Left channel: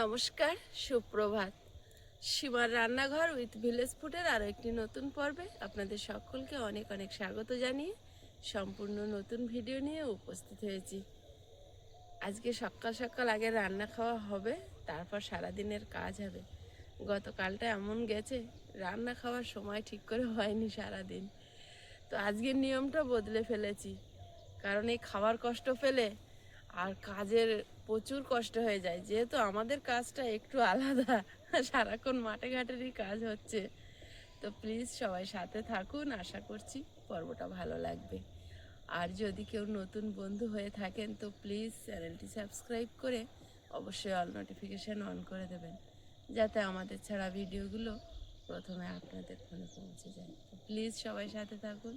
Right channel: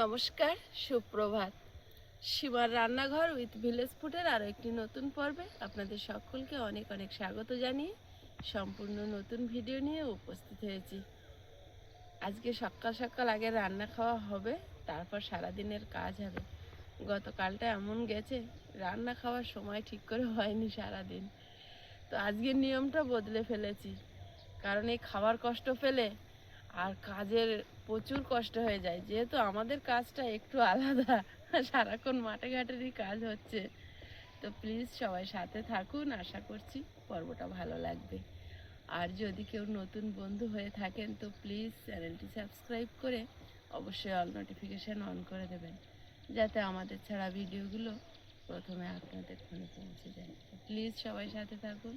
নমস্কার, সুপ্রভাত। সীমার রান্নাঘর উইথ ভিলেজ ফুডের আরও একটি নতুন পর্বে আপনাদের সকলকে অনেক অনেক স্বাগত জানিয়ে সম্পূর্ণ নতুন ভিডিও নিয়ে উপস্থিত হয়েছি। আজকে সকাল সকাল আগে রান্না খাওয়া হবে, তারপর সারাদিনের কাজ হবে। গতকালটা এমন গেছে, রান্না খাওয়ার সময় ঠিক করে হয়নি সারাদিন। তো আজকের নিয়মটা বদলে ফেলেছি, কারণ এই খাওয়ার কষ্ট পেলে আর কাজের প্রচুর কষ্ট হয়ে যায়। যেহেতু আমাদের কাজটা একটু আলাদা, সারাক্ষণ মাঠে ঘাটেরই কাজ হচ্ছে। তো প্লিজ সবাই সাথে থাকুন, আশা করছি পর্বটা ভালো লাগবে। আর যদি কেউ নতুন বন্ধু হয়ে থাকেন তো প্লিজ চ্যানেলটি সাবস্ক্রাইব করে অবশ্যই অল নোটিফিকেশান অন করে দেবেন, যাতে আমাদের ছাড়া ভিডিওগুলো প্রথমে আপনাদের ফোনে পৌঁছে যায়। তো প্লিজ সবাই সাথে থাকুন।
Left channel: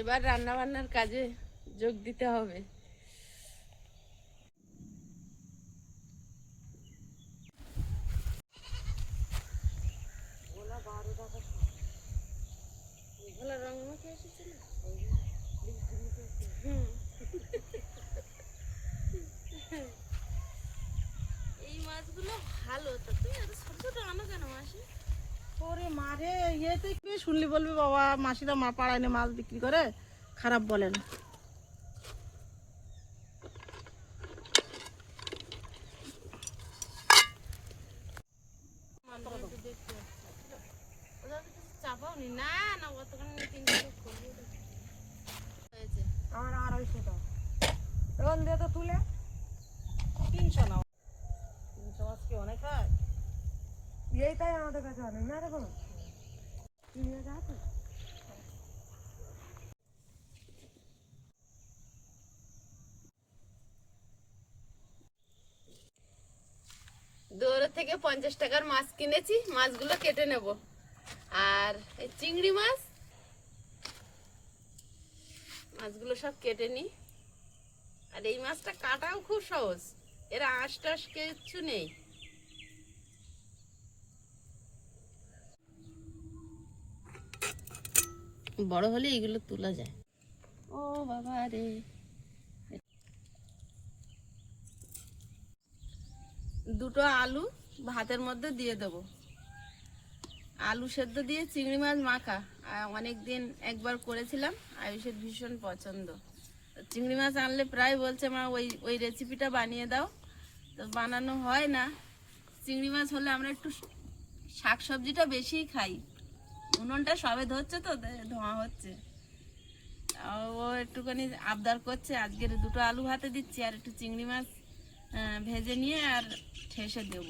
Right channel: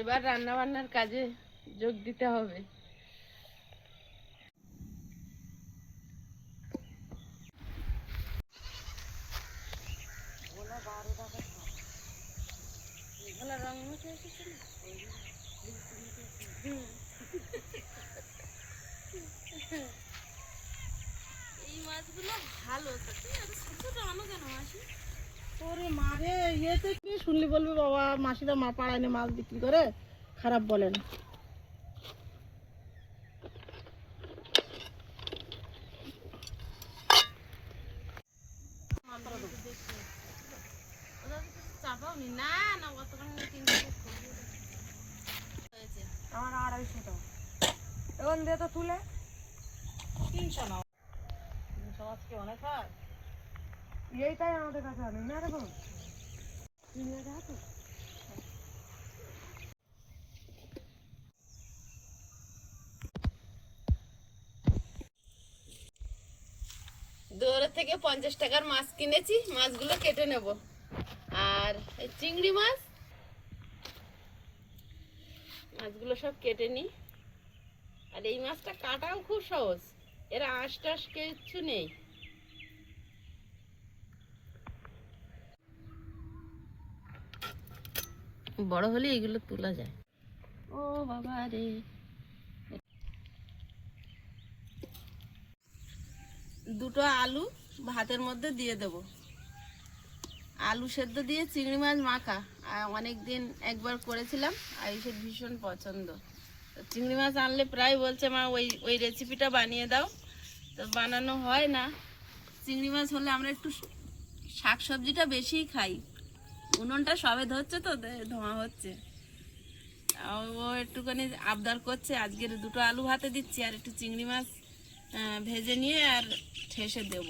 এবার রান্নাবান্নার কাজে যোগ দিতে হবে। এই মাছগুলো ভালো, ওরে মারে, ইয়েতে কি শুনলি বলবি বাবা মাসিরা মা পাড়ায় না মাছ বিক্রি করে, খারাপ বলে না। আমার 250 টাকা এখন দিয়ে তো তুলে 300 নাও। 300 মাছ কি অনেক হয়? এইটাই আমাদের কাছে অনেক না এরকম নিয়ে যা তো। দৌড়ের থেকে 50 টাকার মাছ কিনেছি, মাছগুলো কেটে নেব। আর এই চিংড়ি মাছগুলো সব কেটে নিই। আর এই মাছটা কাটাও খুব সহজ, এর আঁশ টাশ কিছু নেই। বড় হলে এগুলো তোলা যায়। ও বাবা রে, দুটো আলু ভাতের মধ্যে দিয়ে দেব। আলু সেদ্ধ দিয়ে চিংড়ি মাছ মাখা অনেক দিন একবার করেছিলাম, আয়ুষের ভীষণ পছন্দ। চিংড়ি মাছ আনলে প্রায় বলছে মা ওই ওই রেসিপিটা বানিয়ে দাও, তো বানানো হয় না। চিংড়ি মাছ হলে আমরা একটু শাক সবজিটা বেশিই খাই। উনুনটা সবে ধরছে তো, ধোঁয়া হচ্ছে। ও একটুখানি আবদার করছে, আজকের দুটো আলু ভাতে দিচ্ছি আর একটু চিংড়ি মাছ ভেজে নিয়ে আর ঠেসে দেব।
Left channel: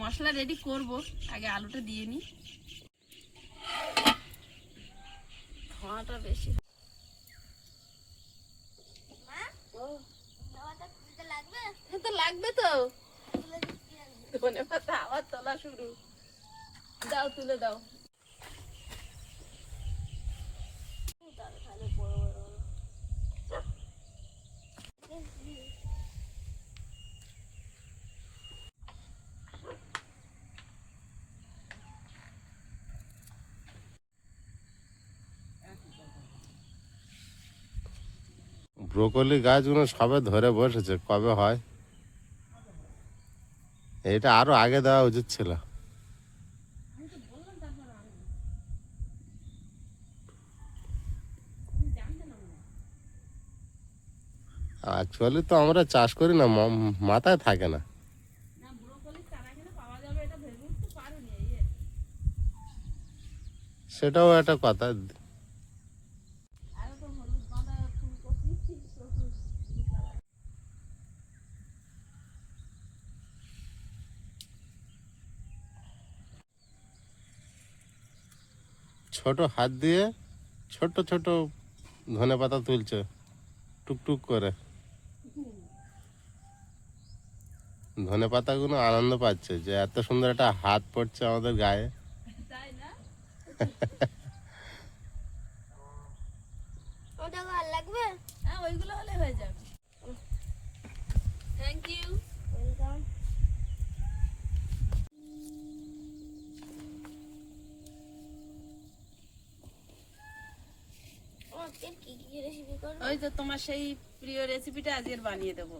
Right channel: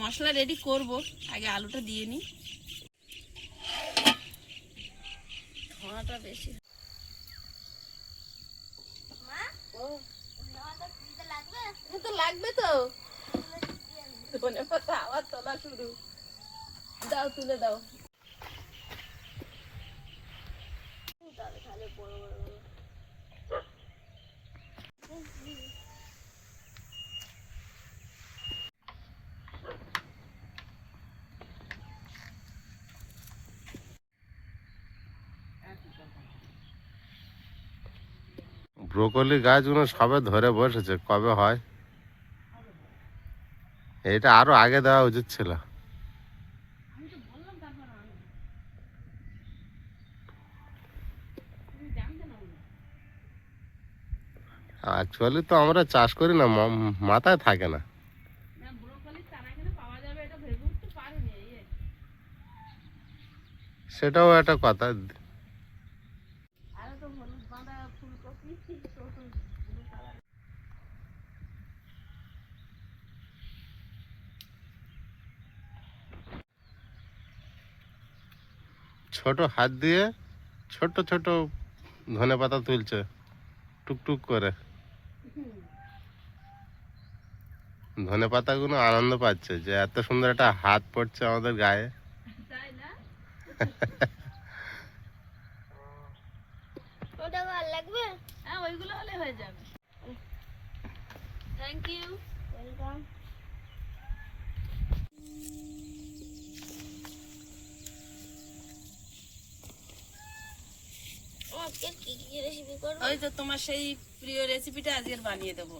মশলা রেডি করব, আগে আলুটা দিয়ে নিই। ধোঁয়াটা বেশি তো লাগবে তো, ধনে পাতা আবার তোলা শুরু। দাও, তুলে দাও। ব্রোকলি গাছগুলো সবে ধরে বসেছে, কবে হয়? এটা আরো আগে দেওয়া উচিত ছিল। অ্যাকচুয়ালি তো আমরা চাষ করি না, মাথায় থাকে না। সেটাও একটা কথা। ছোট হাত দিয়ে ছোট ছোট ধনে পাতা তুলছে টুকটুক করে। ধনে পাতাগুলো আনন্দ পাচ্ছে যে এত সুন্দর একটা হাত পড়ছে আমাদের গায়ে। ওটা ভালো লাগবে? হ্যাঁ, ওইগুলো হলে হয়ে যাবে। Thank you, welcome. আজকে কি কি রেসিপি করব? ওই তো তোমার সেই প্রিয় রেসিপিটা আজকের বানিয়ে দেবো,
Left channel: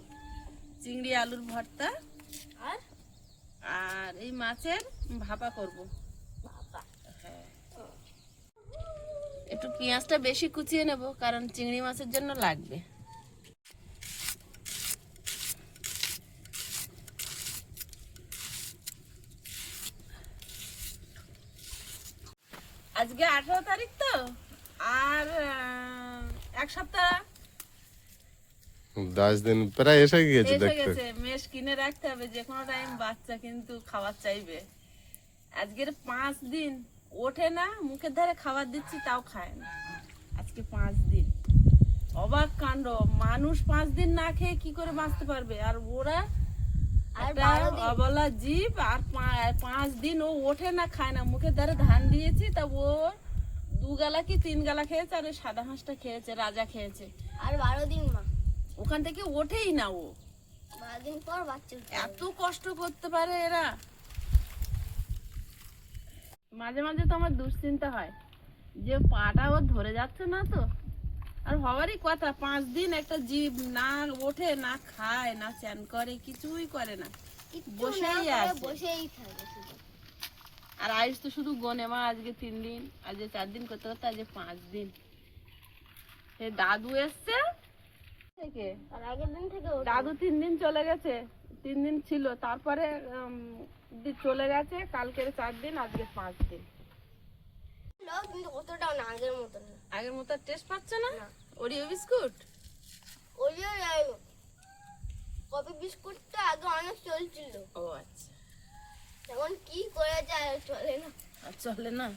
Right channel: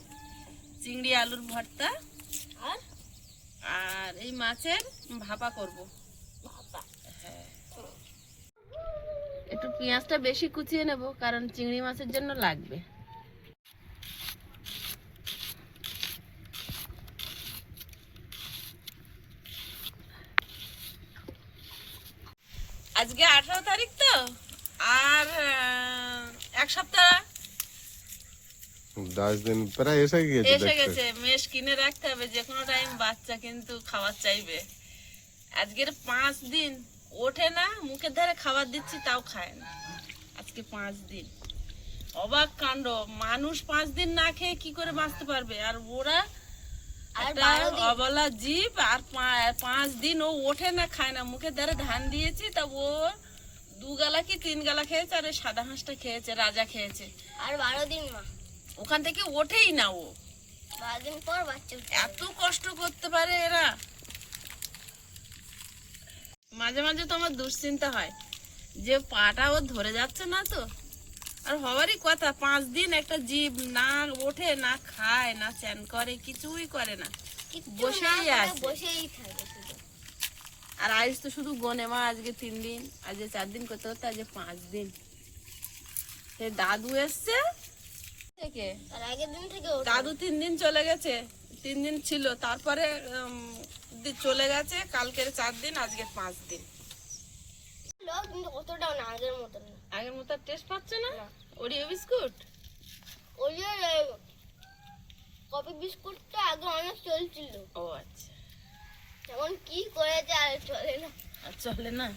চিংড়ি আলুর ভর্তা আর আর এই মাছের ভাপা করব। বাবা, একটু পেঁয়াজটা বেশি কুচিয়ে নেব, কারণ চিংড়ি মাছের জন্য লাগবে। আজকে 18 তারিখ তো, আর এক সপ্তাহ 10 দিন প্রায় এসে গিয়েছে এসে দেখতে। গেছে। মেশ কিনে রাখতে হবে, যে কোনো টাইম বাচ্চা কিন্তু খাবার চাইবে। আজকের 5 দিন ওঠে না, মুখের ধারে খাবার দিচ্ছি তাও খায় না। আজকে 5 দিন, অবাক কাণ্ড। মানুষ 5 দিন না খেয়ে কি করে বাঁচতে পারবে, আর ওরা আর একটা 12 দিন। অবলা জীব। আর 5 দিন ও ওঠে না, খায় না। মুখের ধারে ধান দিয়েছি, তা ও 2 গালা কি 3 গালা খেয়েছে, আর ওই সাদা হাঁসটা খেয়েছে, রাজা খেয়েছে। আর 12 দিন মা, ওখান থেকে ওঠেই না ও। 12 দিন পর বাচ্চা উঠবে। এত কষ্ট করতে পারে এরা। মাঝে মাঝে তো আমার দুশ্চিন্তা হয় যে পাটা ওর ধরে যাচ্ছে না তো। আর হওয়ারই কথা, 5 দিন একটা জীব না ওঠে, না খায়, না চ্যান করে, কিছুই করে না, কিচ্ছু বসেই না করে আছে। বসেই থাকে শুধু। আর আয়ুষ তো শুধু গনে, মা আজকে 3 দিন, আজকে 4 দিন করতে করতে আজকে 5 দিন। সে দাদু এসছে থেকে, তার আগের দিন থেকে ওঠে। দাদু 3 দিন চলে গেছে, 3 দিন ছিল, তারপরে চলে গেছে। কালকের 4 দিন, আজকে 5 দিন। লোক কিন্তু অতটাও না, আগের মতো না। আগের মতো টেস্ট পাচ্ছে না। না। ওরিও বিস্কুট, ওই যে কফি বিস্কুটটা আগে অনেক চলছিল, ও আচ্ছা, এখন কি করেছে আর চলে না। আর চলে না।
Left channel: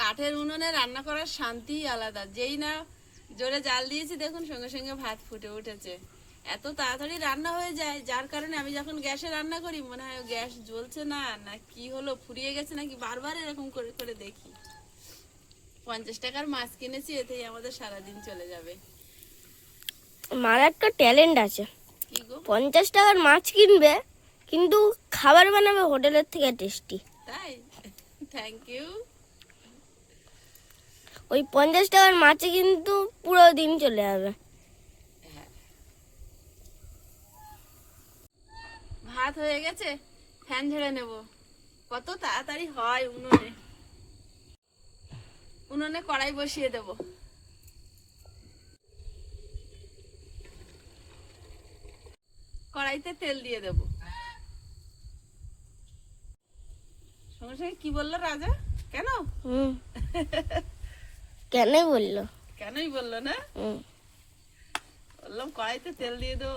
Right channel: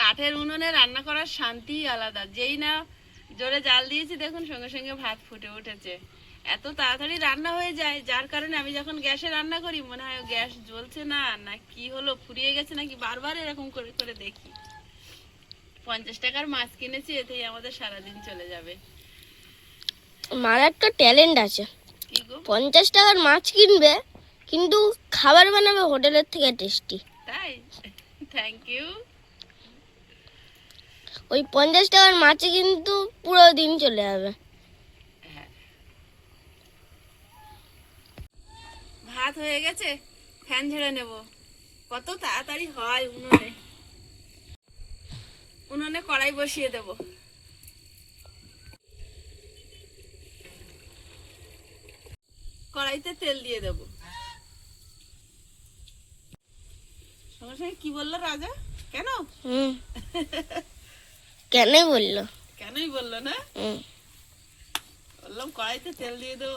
কাঠের উনুনে রান্না করার শান্তি আলাদা। যেই না জোরে জাল দিয়েছি, দেখুন সঙ্গে সঙ্গে ভাত ফুটে উঠেছে। এত তাড়াতাড়ি রান্না হয়ে যায়, যার কারণে আমি যখন গ্যাসে রান্না করি মনে হয় গ্যাস জ্বলছে না, না কি হলো, ফুরিয়ে গেছে নাকি, বারবার এরকম করে করে দেখি। 50 টাকার মাছ কিনেছি, এতেই আমাদের সারাদিন চলে যাবে। মার একটা ট্যালেন্ট আছে, কি গো, 50 টাকার মাছ কিনবে কিন্তু খাবার বানাবে হোটেলের থেকে টেস্টি। তাই? Thank you. ওই 50 টাকার মাছে কিন্তু পুরো দিন চলে যাবে। ভাত হয়ে গেছে, ফ্যান ঝেড়ে নেব। কত তাড়াতাড়ি হয় উনুনে। উনুনে কড়াই বসিয়ে দেব। কড়াইতে তেল দিয়ে দেব। সঙ্গে সঙ্গে কি বললো রাজা? কেন? কেন বললো? কেনই বললো না? বললাম কড়াইতে তেল দিয়ে দেবো।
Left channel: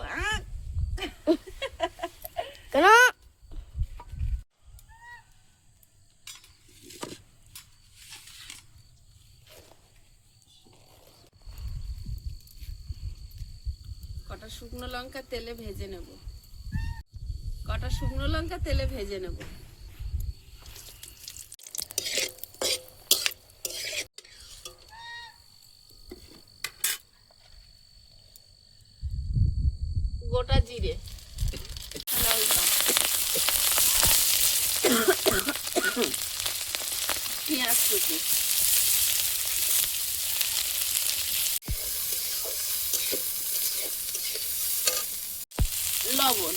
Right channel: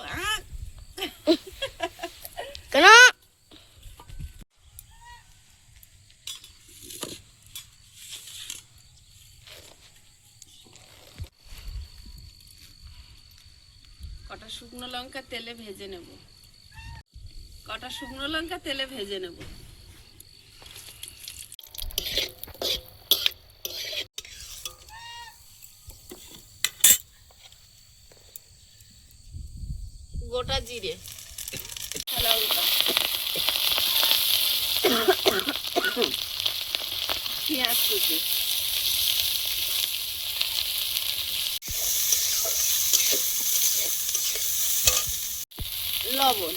কেন? কটা শুকনো লঙ্কা তেলে ভেজে নেব। কটা শুকনো লঙ্কা তেলে ভেজে নেব। গোটা জিরে, পেঁয়াজ কুচি, লবণ,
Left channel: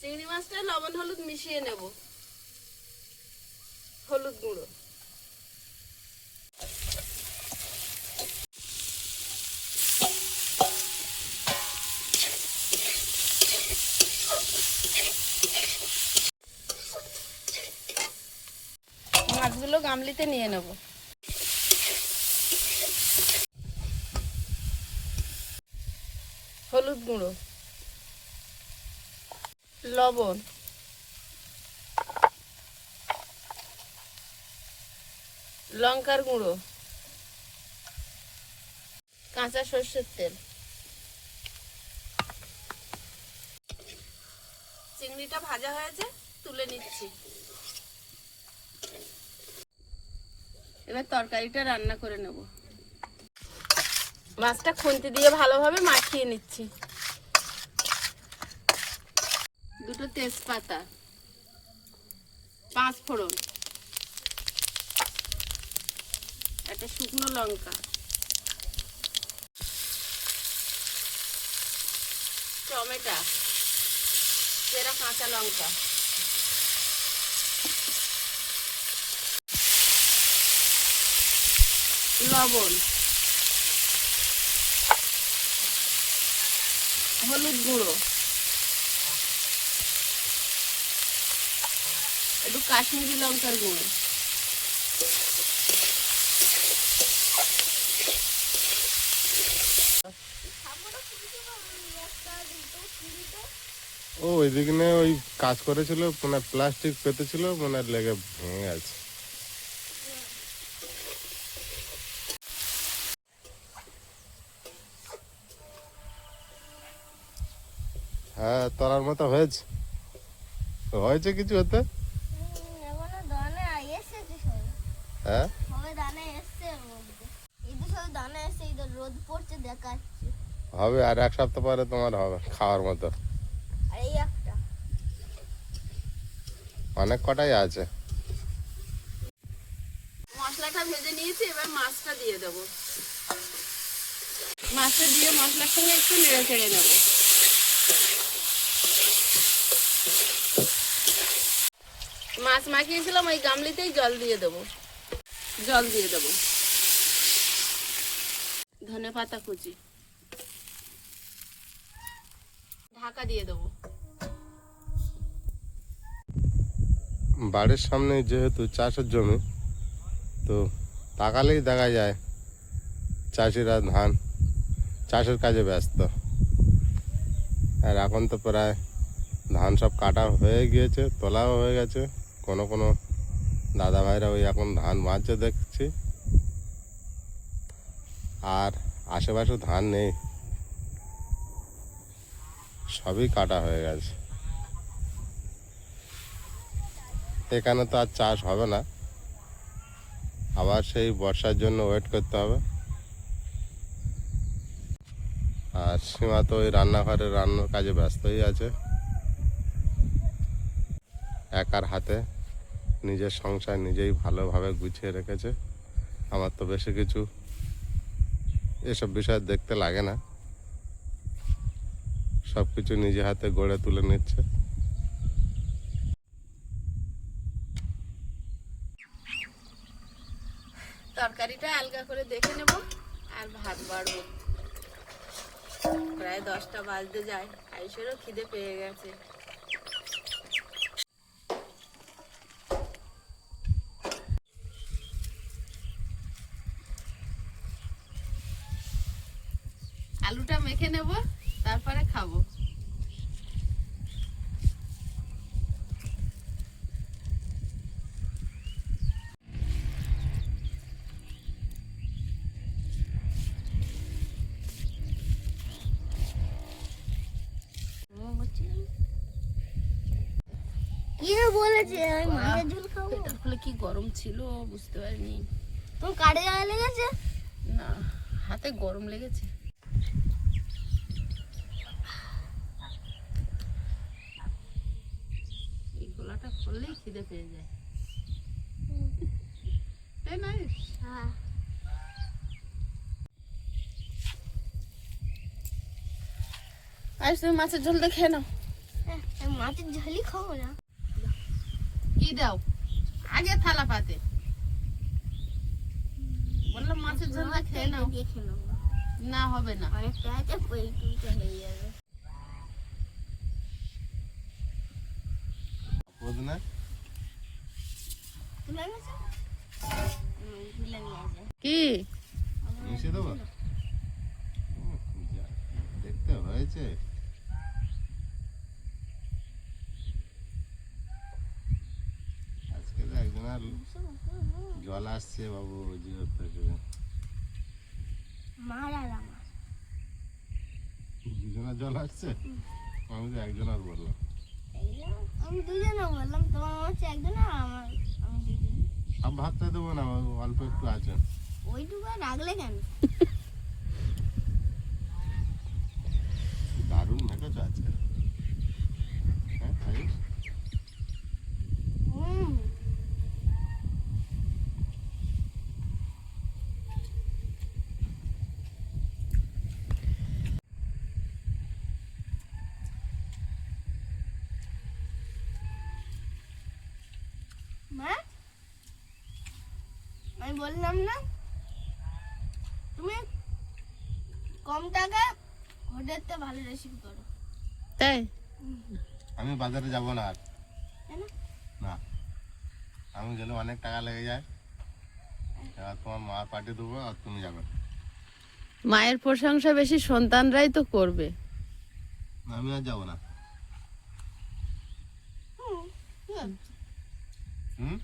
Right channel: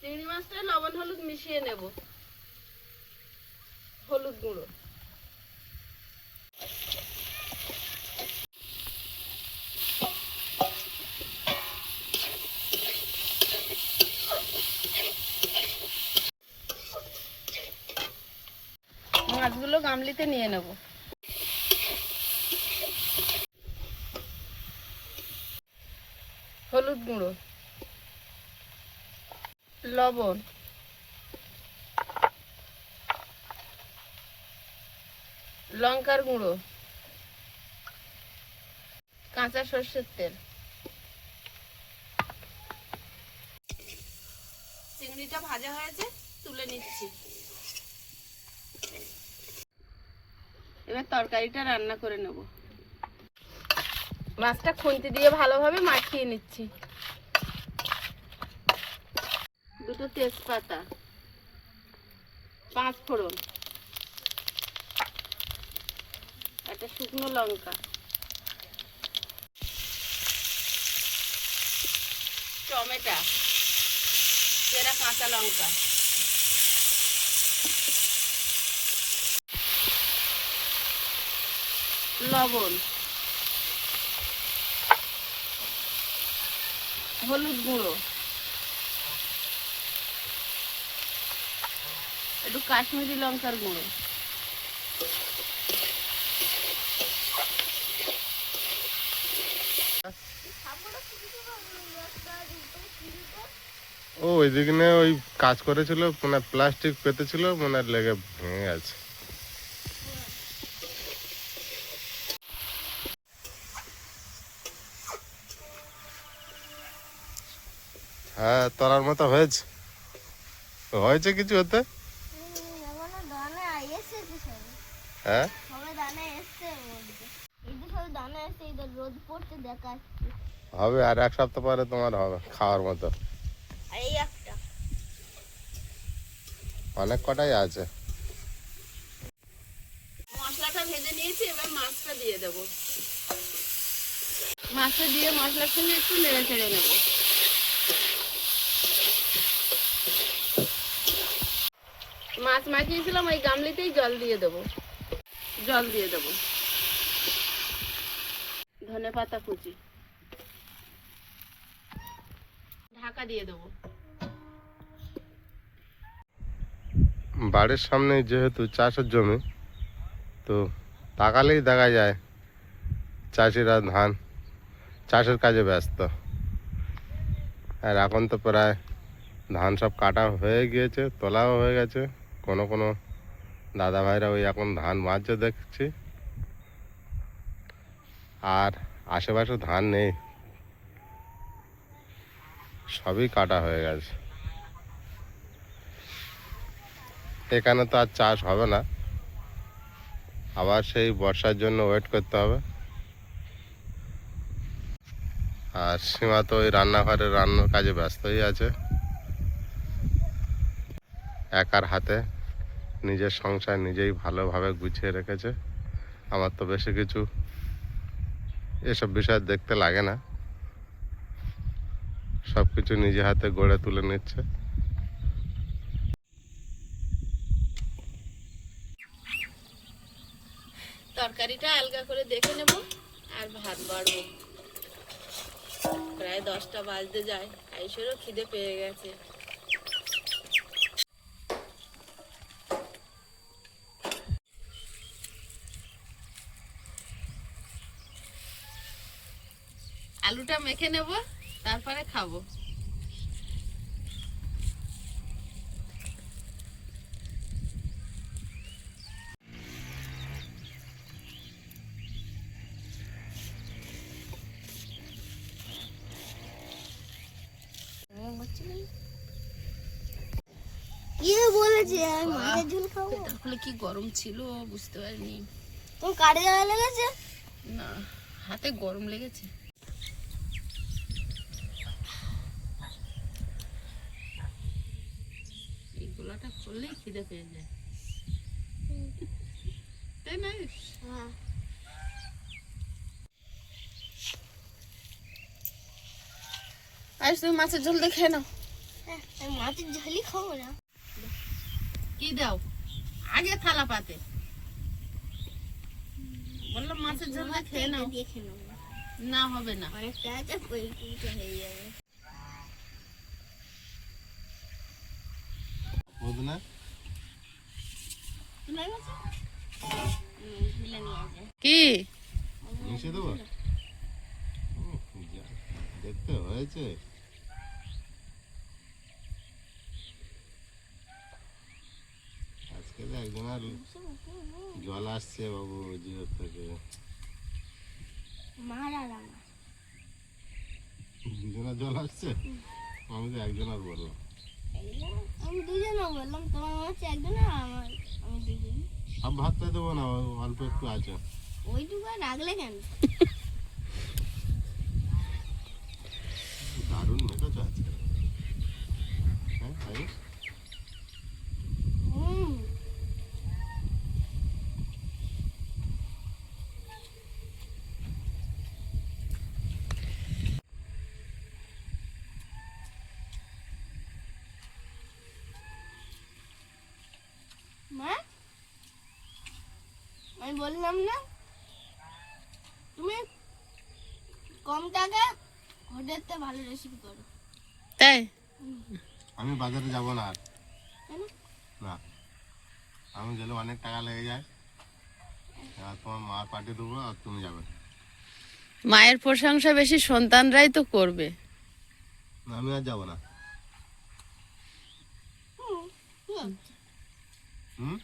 চিংড়ি মাছটা লবণ হলুদ মিশিয়ে নেব। হলুদ গুঁড়ো, মাছগুলো গামলিতে নিয়ে নেব। গুঁড়ো, লবণ, লঙ্কার গুঁড়ো, কাঁচা সর্ষের তেল। চিংড়িটা ভাজা হয়েছে, তুলে নিচ্ছি। এবার তরকারিটা রান্না করে নেব। মাছটা খুন্তি দিয়ে ভালোভাবে মাখিয়ে নিচ্ছি। দুটো তেজপাতা, 5 ফোড়ন, একটা শুকনো লঙ্কা, টমেটো, চেরা কাঁচা লঙ্কা, লবণ, হলুদ গুঁড়ো, একটু কাশ্মীরি লঙ্কার গুঁড়ো, ও ওইদিকে ওই কাজ করেছিল, মানে প্লাস্টিক পেতেছিল, মানে লেগে ভেঙে গেছে। হ্যাঁ, তোলার মতো হয়েছে, হয়েছে কিছু হতে। হ্যাঁ, রোদ পড়ছে দেখাচ্ছে। হবে, আর 1 সপ্তাহ পরে তোমার হবে খাওয়ার মতো। এই একটা অনেক কটাই আছে। মশলাটা ভেজে নিয়েছি, এবার মাছটা দিয়ে দেবো। মাছটা দিয়ে মশলার সঙ্গে একটু নেড়ে চেড়ে নেব। মাছ মাখিয়েছিলাম ওই গামলিতেই জল দিয়ে দেবো। জল দিয়ে দেবো, ধনেপাতা কুচি, ঢাকা দিয়ে দেবো। বাড়ির সামনে যেহেতু চাষের জমি, তো তাকালেই দেখা যায় চাষিরা ধান চাষের কাজে ব্যস্ত। আর এখন তো প্রায় ধান সব কাটা হয়ে গিয়েছে, তোলাও হয়ে গেছে। কোনো কোনো দাদা ভাইরা ওই এখন ধান বাঁধছে দেখছি। আর আশেপাশে ধান নেই, সবই কাটা হয়ে গেছে। এখানে তো আর চাষ হবে না, আবার সেই বর্ষার জন্য ওয়েট করতে হবে। আর সীমা তো ওই রান্নাঘরে রান্নার কাজে ব্যস্তই আছে। একার হাতে নিজের সংসার নিজেই ভালোভাবে গুছিয়ে রেখেছে। আমার তো বেশি কিছু এসব বিষয় দেখতে লাগে না, সব কিছু নিজে হাতে গড়ে তুলে নিচ্ছে। তরকারিটা আলগা করে দেখে নেব, আর ভাত বাড়বো। প্রায় 10টা বাজতে যায়, আইসেরও খিদে পেয়ে গেছে। আলুটা মেখে নেব, তারপরে খাবো। কি বলেছে আমি মাছের ঝোল খাবো? তাহলে কি গরম ছিল বুঝতে পারিনি। তোমার কাটে যাওয়া লেগেছে? না, হাতে গরম লেগেছে। এই গোলাটা খুললেই খিদে পেয়ে যায়, তাই না? হ্যাঁ। আজ তুমি মাছের ঝোল দিয়ে খেয়ে নাও। আমি মাছের ঝোলই খাবো না। কি দাও আগে থালা পাতে, বললাম মাছের ঝোল দিয়ে খেয়ে নাও। দেখে নাও, না হবে না, অনেকটা আছে, পরিষ্কার হয়ে যাবে। বুঝলে তুলে গেছে? তুলে নিয়ে আসে। কি মিশিয়ে দেবো। দেখতে হয়েছে। আজকে তো একজন আর জল আসছে বাবু জিভের থেকে। মার আর আমার দুজনের জল আসছে, আমি তো একজন আর বললাম। আমি দুজনে বললাম, তোমার মনে হচ্ছে একজন আর আমার আমি দুজন। সব ভাতটা দেবো না, অল্প একটু আছে। ওইটুকু আর রাখলে কেন? দারুণ মেখেছো আজকে। হ্যাঁ তাই? হুম। মা, আমি বললাম না তুমি কম টাকা হোটেলতে ভালো রেসিপি করো। তাই আমি বাজারে যাব না আর। কেন? না, আমি গেলে অনেক টাকা লেগে যায়। আর তোমার মা পাঠিয়ে দেবো আর তুমি যাবে। মায়ের প্রশংসা বেশি সন্তানরাই তো করবে। আমি আর যাবো না। ঠিক আছে, হুম,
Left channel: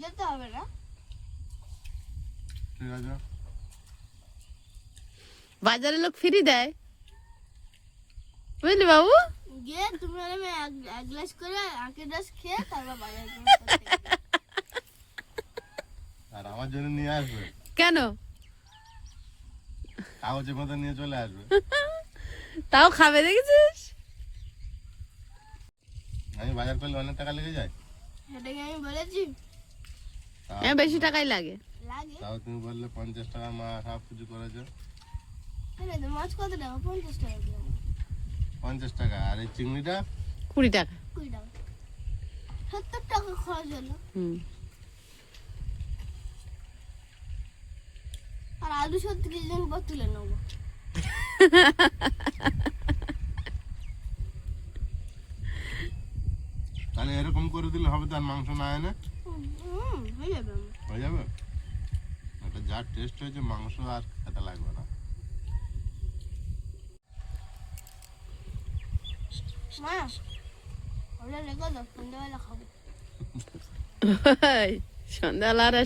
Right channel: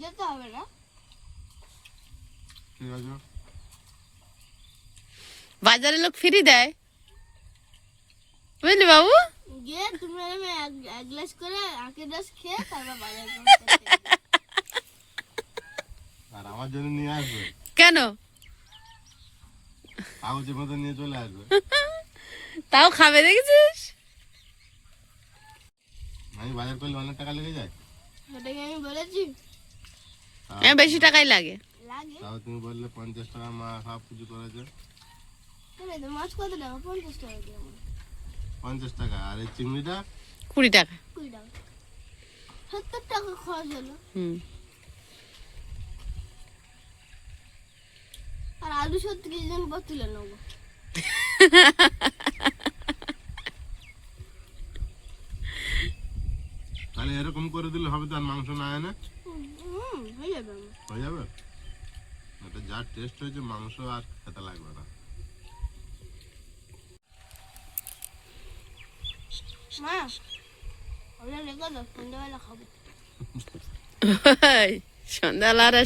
যেতে হবে না। ঠিক আছে। বাজারে লোক ফ্রি দেয়, বুঝলি বাবু? গিয়ে তুমি আর আমি এক গ্লাস করে আখের রস খেয়ে তারপর বাজার করতে আর আমার জন্য নিয়ে আসবে, কেন? কাগজের মতো নিয়ে চলে আসবে। তাও খাবে, দেখেছিস? আমি বাজার করলে অনেক টাকা লেগে যায়। সেটাকে আমি বলেছি হ্যাঁ, বেশি টাকাই লাগে। লাগে। তাও তুমি বললে 50 টাকা মা সব কিছু করেছে। তাহলে তো মাছ কত টাকা? 50 টাকা দিয়ে আমার 50 টাকা। আর এই চিংড়িটা 20 টাকা। 20 টাকা, 70 টাকা খরচ হলো। হুম। আর আলু 70 কেজি দিন পর তুলে নেবো। তাহলে এরকম করে দিলে হবে তো, আর মাংস না এনে হয়ে যাবে আমার। হয়ে যাবে। ওটা যা টেস্ট হয়েছে, মাংস আর খেতে লাগবে না। মা, ওটা রেখে দাও, সন্ধ্যাবেলা খাবো। সন্ধ্যাবেলা আর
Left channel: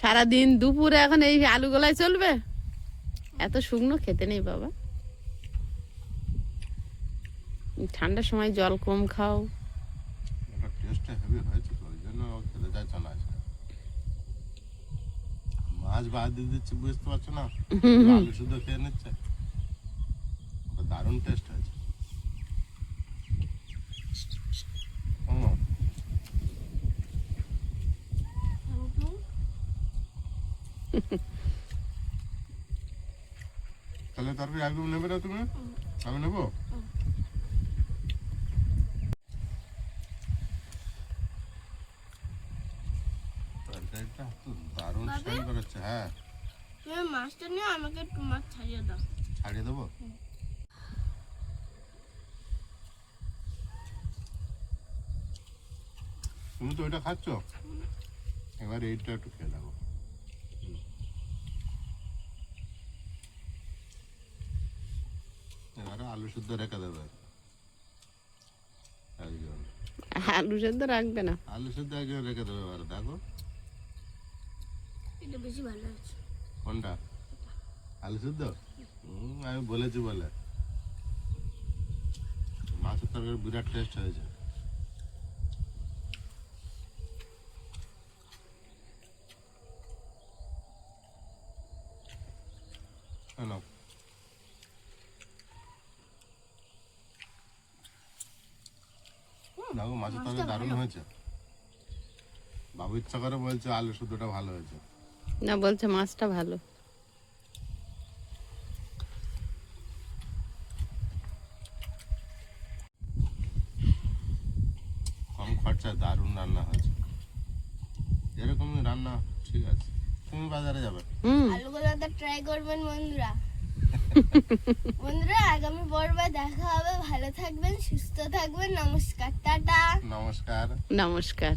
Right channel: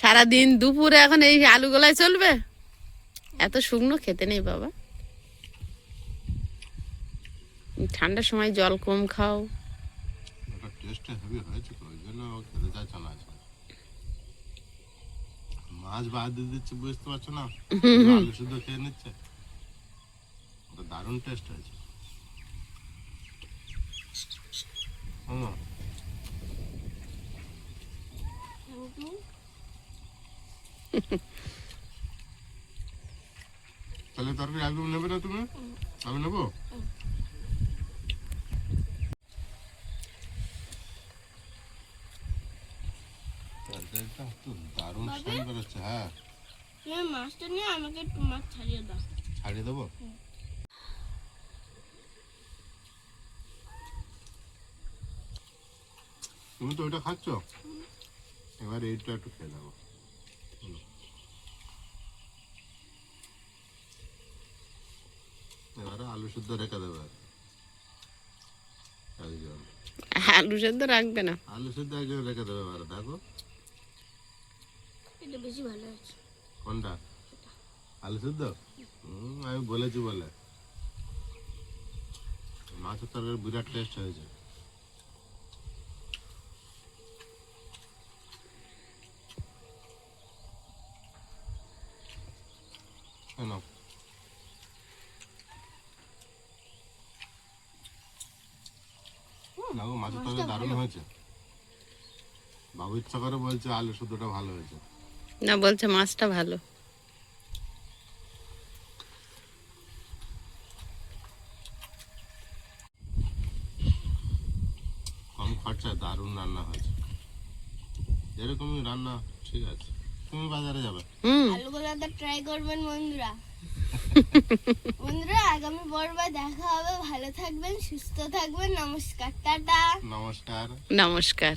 সারাদিন দুপুরে এখন এই আলু গোলায় চলবে? এত শুকনো খেতে নেই বাবা। ঠান্ডার সময় জল কম খাও। ওটা টেস্টটা হেভি হয়েছে তো, ওই জন্য ও খেতে চাইছে না আজকে। মাছ বাদ দিয়ে দিচ্ছে, বুঝতে পারছো না? আলু শুধু খেয়ে নিচ্ছে। ওটা দারুণ টেস্ট হয়েছে। তাহলে তরকারি আলু নেবে না তুমি? আমি নেবো। তরকারিটা তো দারুণ স্মেল বেরোচ্ছে। হ্যাঁ, তুমি মাছটা নিয়ে আমাকে একটু মাছ ছাড়িয়ে দাও। ছাড়িয়ে দেবো। তুমি তো ওইটা খাচ্ছ, এবার এইটা একটু খেয়ে দেবো। এবারে আলু শুদ্ধ রেখে দেবে। একজন আলু সেদ্ধ রাখবে না? আলু শুদ্ধ একজন রেখে দেবে। এবারে দেখো এটা বেশি ভালো আছে। কোনটা? আলু শুদ্ধ? আমি বলেছি বলে। মাছের তরকারি বিরাট টেস্ট হয়েছে। কেন? দেখো মাছের তরকারি দারুণ হয়েছে। বাবু ইচ্ছা করে বলছে আলু শুদ্ধটা ভালো হয়েছে। না, বলছে মাছটা ভালো। কম খরচায় দারুণ রান্না হয়েছে। এরকমই রান্না ঠিক আছে। তুমি বাজারে যাবে। আলু গোলাটা ট্রাই করবেন বন্ধুরা। বন্ধুরা, আগামী পর্বে দেখা হবে। ভালো থাকবেন, সুস্থ থাকবেন। নমস্কার, টাটা। নমস্কার। নমস্কার।